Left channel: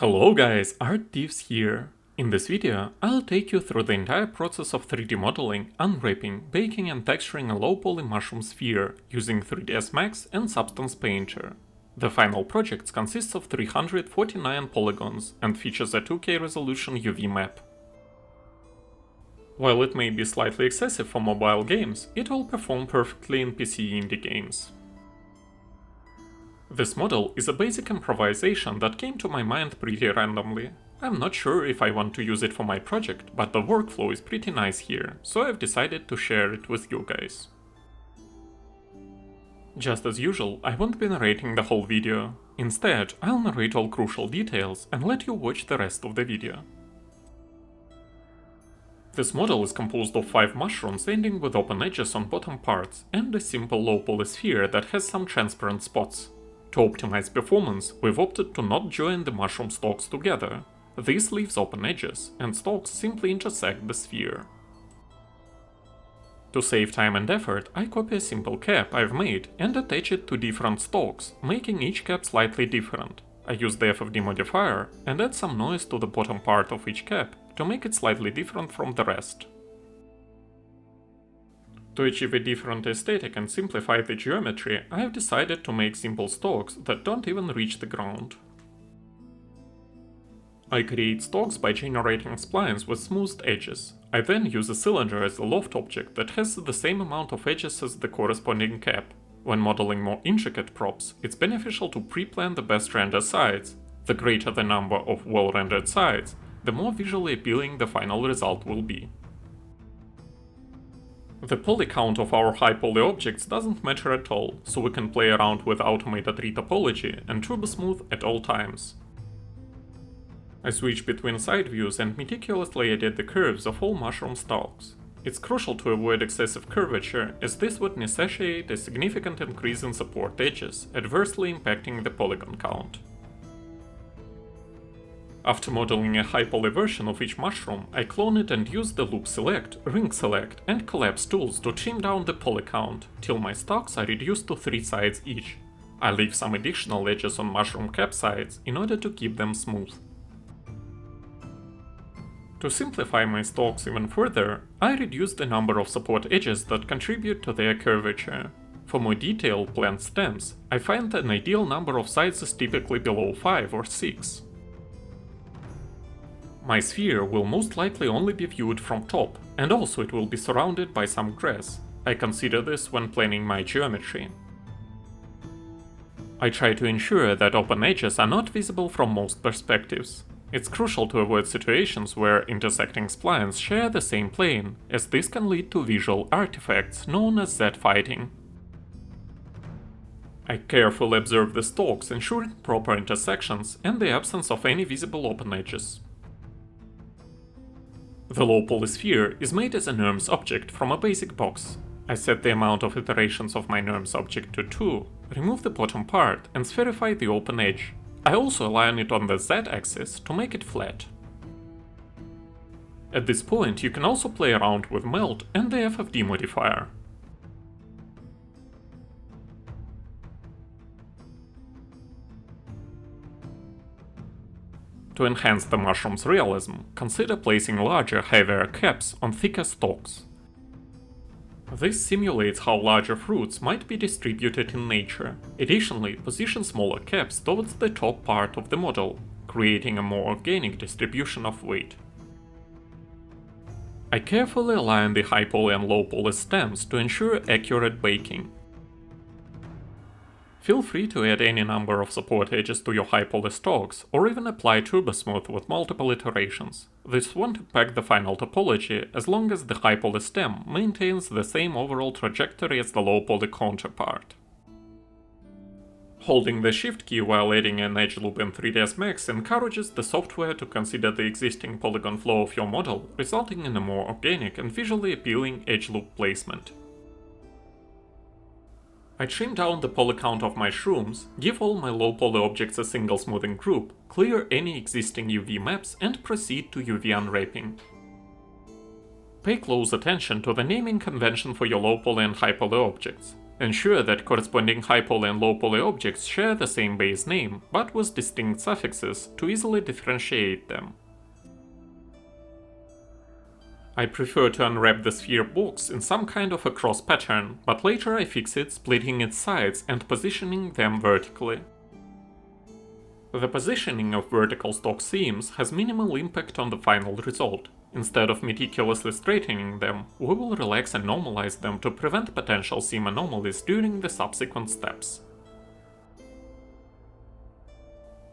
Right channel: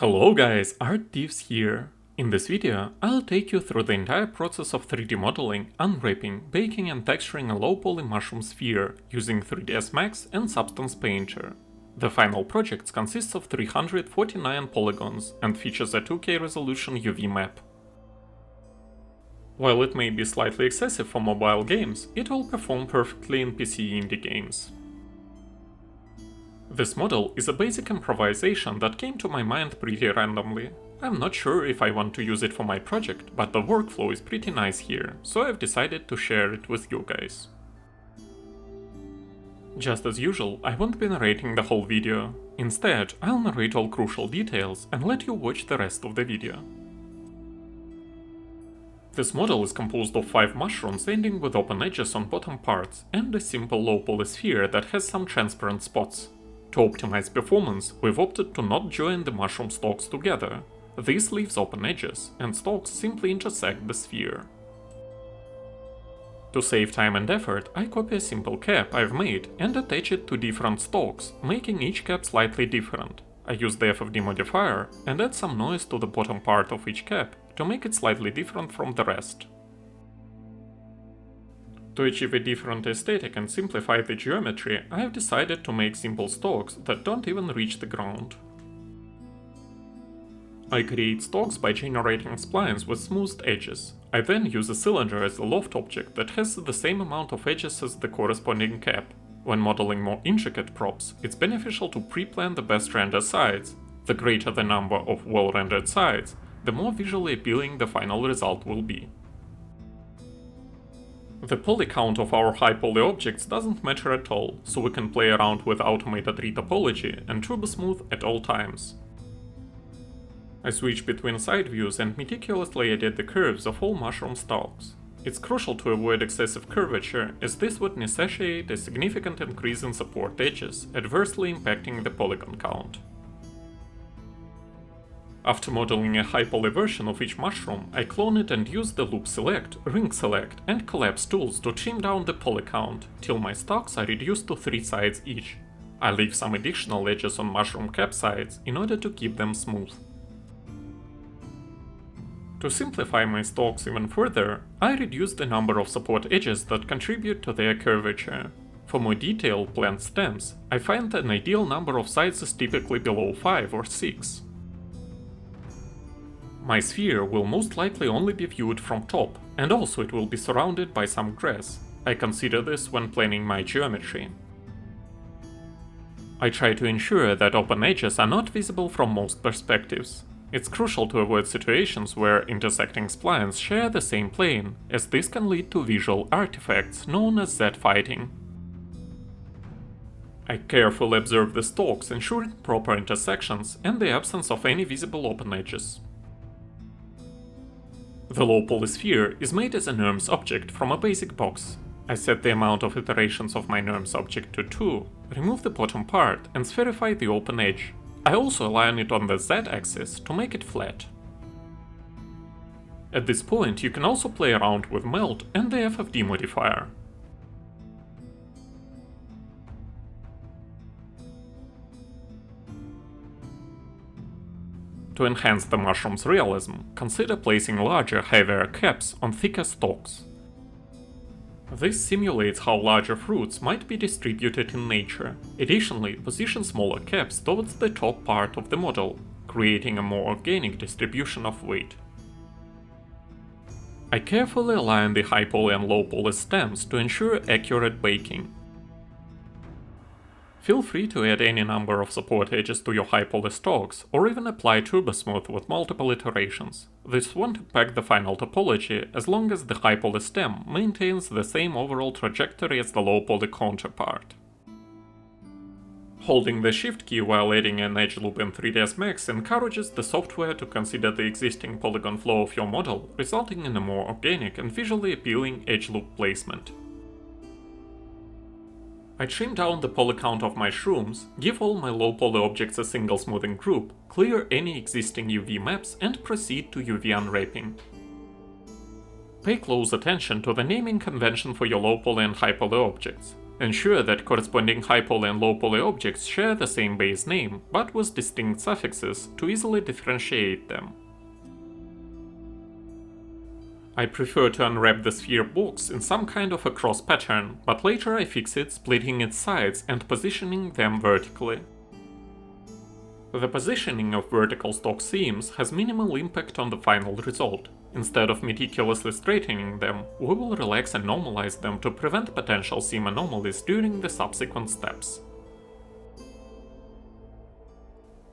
Hello guys, Art-Teeves here. In this video, I'll take you through the entire process of 3D modeling, unwrapping, baking and texturing a low-poly mushroom sphere using 3ds Max and Substance Painter. The final project consists of 349 polygons and features a 2K resolution UV map. While it may be slightly excessive for mobile games, it will perform perfectly in PC indie games. This model is a basic improvisation that came to my mind pretty randomly. I'm not sure if I want to use it for my project, but the workflow is pretty nice here, so I've decided to share it with you guys. Just as usual, I won't be narrating the whole video. Instead, I'll narrate all crucial details and let you watch the rest of the video. This model is composed of 5 mushrooms ending with open edges on bottom parts and a simple low-poly sphere that has some transparent spots. To optimize performance, we've opted to not join the mushroom stalks together. This leaves open edges, and stalks simply intersect the sphere. To save time and effort, I copy a simple cap I've made and attach it to different stalks, making each cap slightly different. I use the FFD modifier and add some noise to the bottom part of each cap to make it slightly different from the rest. To achieve a different aesthetic and simplify the geometry, I have decided to make simple stalks that don't even reach the ground. I create stalks by generating splines with smoothed edges. I then use a cylinder as a loft object that has the same amount of edges as the corresponding cap. When modeling more intricate props, it's beneficial to pre-plan the best render sides. The greater the number of well-rendered sides, the more visually appealing the final result will be. The polycount of our high-poly objects doesn't matter at all, so we can play around with automated retopology and turbo smooth at all times. I switch between side views and meticulously edit the curves of all mushroom stalks. It's crucial to avoid excessive curvature, as this would necessitate a significant increase in support edges, adversely impacting the polygon count. After modeling a high-poly version of each mushroom, I clone it and use the loop select, ring select, and collapse tools to trim down the poly count, till my stalks are reduced to 3 sides each. I leave some additional edges on mushroom cap sides in order to keep them smooth. To simplify my stalks even further, I reduce the number of support edges that contribute to their curvature. For more detailed plant stems, I find an ideal number of sides is typically below 5 or 6. My sphere will most likely only be viewed from top, and also it will be surrounded by some grass. I consider this when planning my geometry. I try to ensure that open edges are not visible from most perspectives. It's crucial to avoid situations where intersecting splines share the same plane, as this can lead to visual artifacts known as Z-fighting. I carefully observe the stalks, ensuring proper intersections and the absence of any visible open edges. The low-poly sphere is made as a NURMS object from a basic box. I set the amount of iterations of my NURMS object to 2, remove the bottom part and spherify the open edge. I also align it on the Z-axis to make it flat. At this point you can also play around with melt and the FFD modifier. To enhance the mushroom's realism, consider placing larger, heavier caps on thicker stalks. This simulates how larger fruits might be distributed in nature. Additionally, position smaller caps towards the top part of the model, creating a more organic distribution of weight. I carefully align the high-poly and low-poly stems to ensure accurate baking. Feel free to add any number of support edges to your high-poly stalks, or even apply turbo smooth with multiple iterations. This won't impact the final topology as long as the high-poly stem maintains the same overall trajectory as the low-poly counterpart. Holding the Shift key while adding an edge loop in 3ds Max encourages the software to consider the existing polygon flow of your model, resulting in a more organic and visually appealing edge loop placement. I trim down the poly count of my shrooms, give all my low-poly objects a single smoothing group, clear any existing UV maps and proceed to UV unwrapping. Pay close attention to the naming convention for your low-poly and high-poly objects. Ensure that corresponding high-poly and low-poly objects share the same base name, but with distinct suffixes to easily differentiate them. I prefer to unwrap the sphere box in some kind of a cross pattern, but later I fix it splitting its sides and positioning them vertically. The positioning of vertical stock seams has minimal impact on the final result. Instead of meticulously straightening them, we will relax and normalize them to prevent potential seam anomalies during the subsequent steps.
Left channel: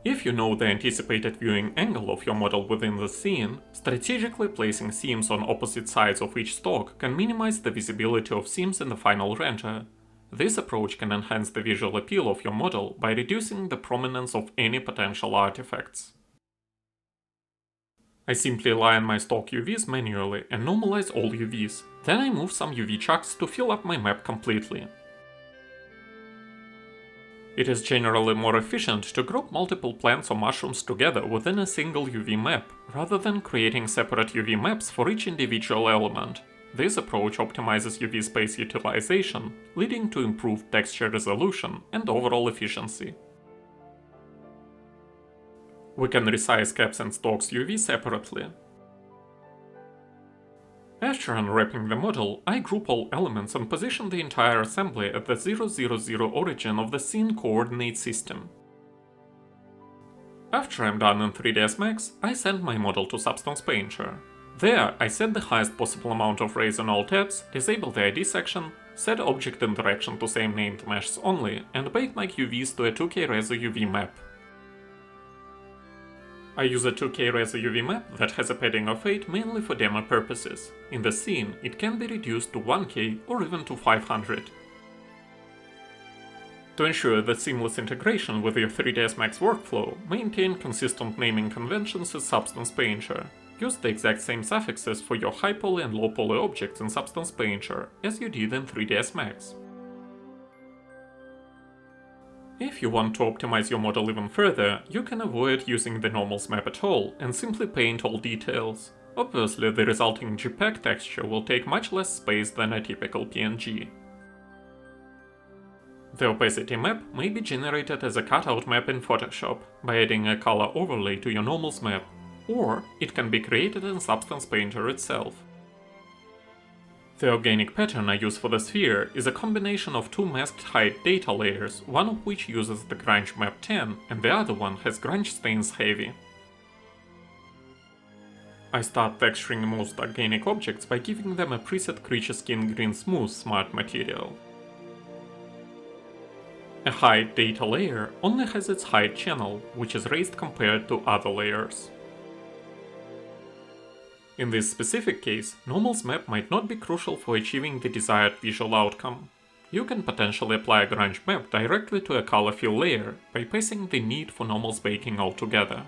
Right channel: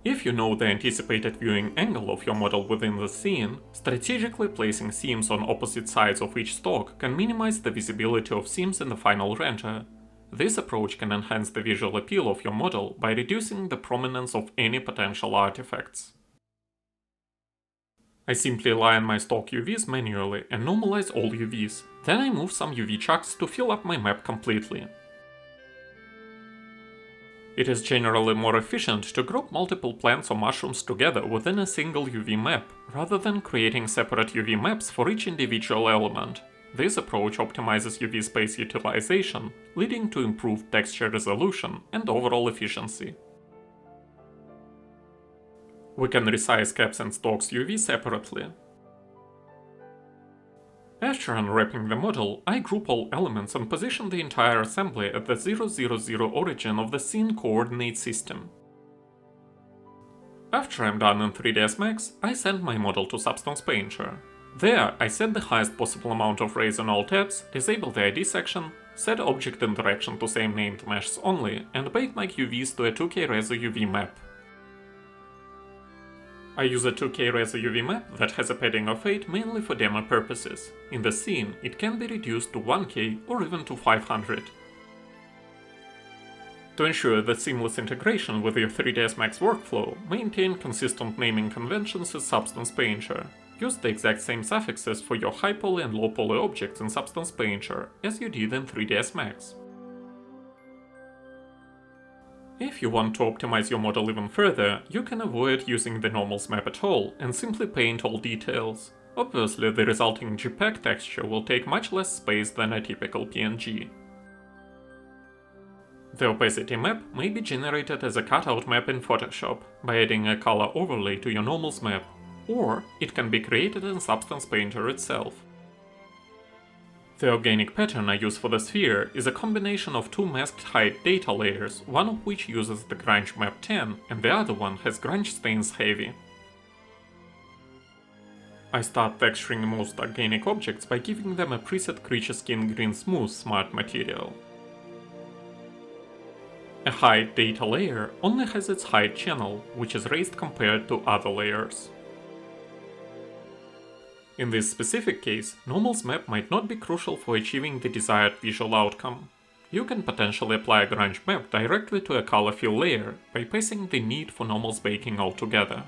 If you know the anticipated viewing angle of your model within the scene, strategically placing seams on opposite sides of each stock can minimize the visibility of seams in the final render. This approach can enhance the visual appeal of your model by reducing the prominence of any potential artifacts. I simply align my stock UVs manually and normalize all UVs, then I move some UV chucks to fill up my map completely. It is generally more efficient to group multiple plants or mushrooms together within a single UV map, rather than creating separate UV maps for each individual element. This approach optimizes UV space utilization, leading to improved texture resolution and overall efficiency. We can resize caps and stalks UV separately. After unwrapping the model, I group all elements and position the entire assembly at the 000 origin of the scene coordinate system. After I'm done in 3ds Max, I send my model to Substance Painter. There, I set the highest possible amount of rays on all tabs, disable the ID section, set object interaction to same named meshes only, and bake my UVs to a 2K Reso UV map. I use a 2K Reso UV map that has a padding of 8 mainly for demo purposes. In the scene, it can be reduced to 1K or even to 500. To ensure the seamless integration with your 3ds Max workflow, maintain consistent naming conventions in Substance Painter. Use the exact same suffixes for your high poly and low poly objects in Substance Painter as you did in 3ds Max. If you want to optimize your model even further, you can avoid using the normals map at all and simply paint all details. Obviously, the resulting JPEG texture will take much less space than a typical PNG. The opacity map may be generated as a cutout map in Photoshop by adding a color overlay to your normals map, or it can be created in Substance Painter itself. The organic pattern I use for the sphere is a combination of two masked height data layers, one of which uses the Grunge Map 10 and the other one has Grunge Stains Heavy. I start texturing most organic objects by giving them a preset Creature Skin Green Smooth Smart material. A height data layer only has its height channel, which is raised compared to other layers. In this specific case, normals map might not be crucial for achieving the desired visual outcome. You can potentially apply a grunge map directly to a color fill layer, bypassing the need for normals baking altogether.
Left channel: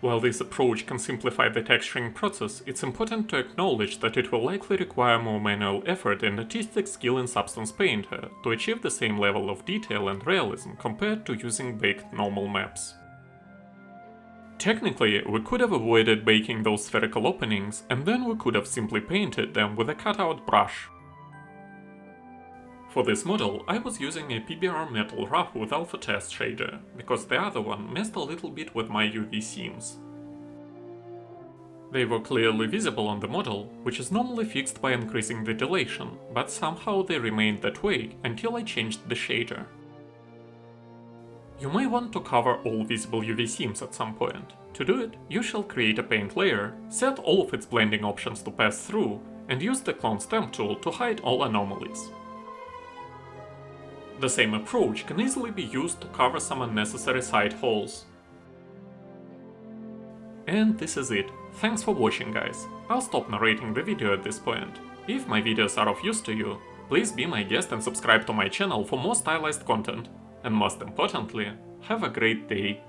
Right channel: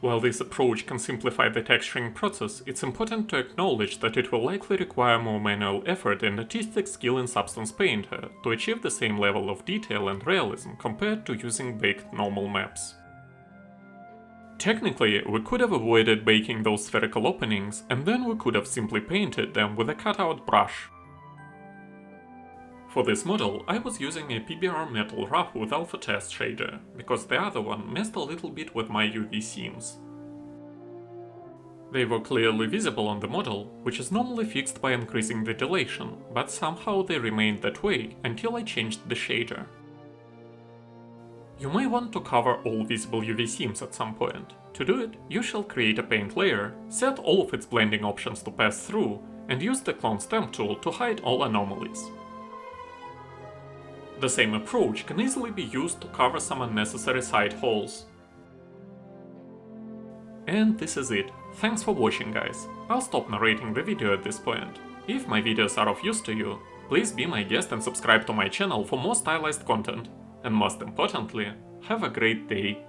While this approach can simplify the texturing process, it's important to acknowledge that it will likely require more manual effort and artistic skill in Substance Painter to achieve the same level of detail and realism compared to using baked normal maps. Technically, we could have avoided baking those spherical openings, and then we could have simply painted them with a cutout brush. For this model, I was using a PBR Metal Rough with Alpha Test shader, because the other one messed a little bit with my UV seams. They were clearly visible on the model, which is normally fixed by increasing the dilation, but somehow they remained that way until I changed the shader. You may want to cover all visible UV seams at some point. To do it, you shall create a paint layer, set all of its blending options to pass through, and use the Clone Stamp tool to hide all anomalies. The same approach can easily be used to cover some unnecessary side holes. And this is it. Thanks for watching, guys. I'll stop narrating the video at this point. If my videos are of use to you, please be my guest and subscribe to my channel for more stylized content. And most importantly, have a great day.